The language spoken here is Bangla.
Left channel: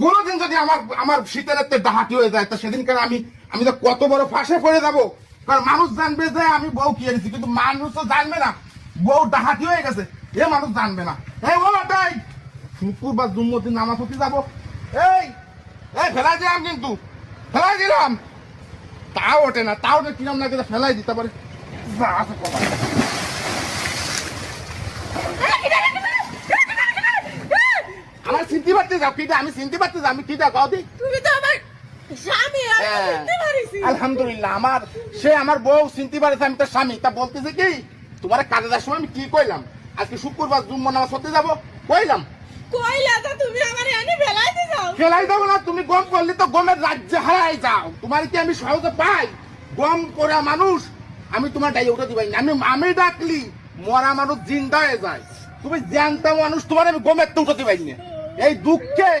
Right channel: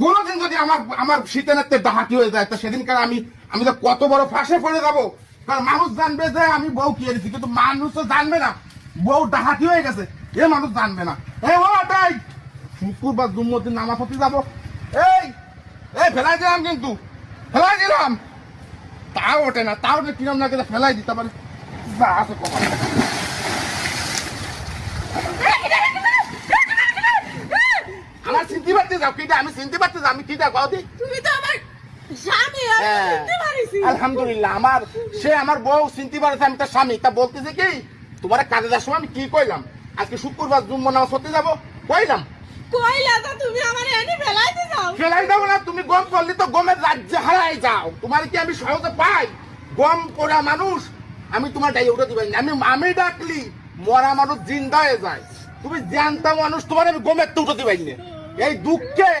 কোনদিন যদি আমার আমার শীতের একটা ডাহাতি হয়ে যায়, তো সেদিনকার আমি আমি তো কত বড় ফাঁসে পড়ে যাবো। কারণ মানুষ জানবে যে আমি বউ কি এনেছি, কিন্তু মানুষ তো জানবে না বউ ডাহাতি হয়ে গেছে, এ মানুষ জানবে না। তাই শুক্রবার জুম্মতির নামাজ পড়তে যাবো, এই এই ফেলাই দিলাম, কিন্তু ফেলাই দিলাম, তাও ওঠে না, তাও কিরম না কিন্তু ফেলাই দিতে পারে। আমার চিনতে পারতে যাও কিটা, আমি চিনতে পারতে যাও আমি কিটা কও দি। তুমি তো আমার স্বামী, আমি তো চিনতে পারিছি। আলহামদুলিল্লাহ, আমার সে আমার বউ চিনতে পারেছে আমি তার স্বামী। তা বলতেছে কি, তোমার কাজে যাওয়ার সময় আমি কি কইলাম, আজকে শুক্রবার জুম্মা নামাজ পড়তে যাবো, কইলাম কইলা তো তুমি আমার এনে ফেলাইতে যাও। ফেলাই দেবো না, তুমি গম করলে তো গমের রাজ্যে হারাই যাও। তোমার কি আমি সহজে পাই? গম করা মানুষ আমি তোমার ডাইয়ে উঠে দিবাই না। আমি ডাকলি মরা মানুষ জিন্দা হয়ে যায়, তুমি জানতা মানুষ তোমার আমি গমের তো উঠে দিবাই না। এই দুঃখে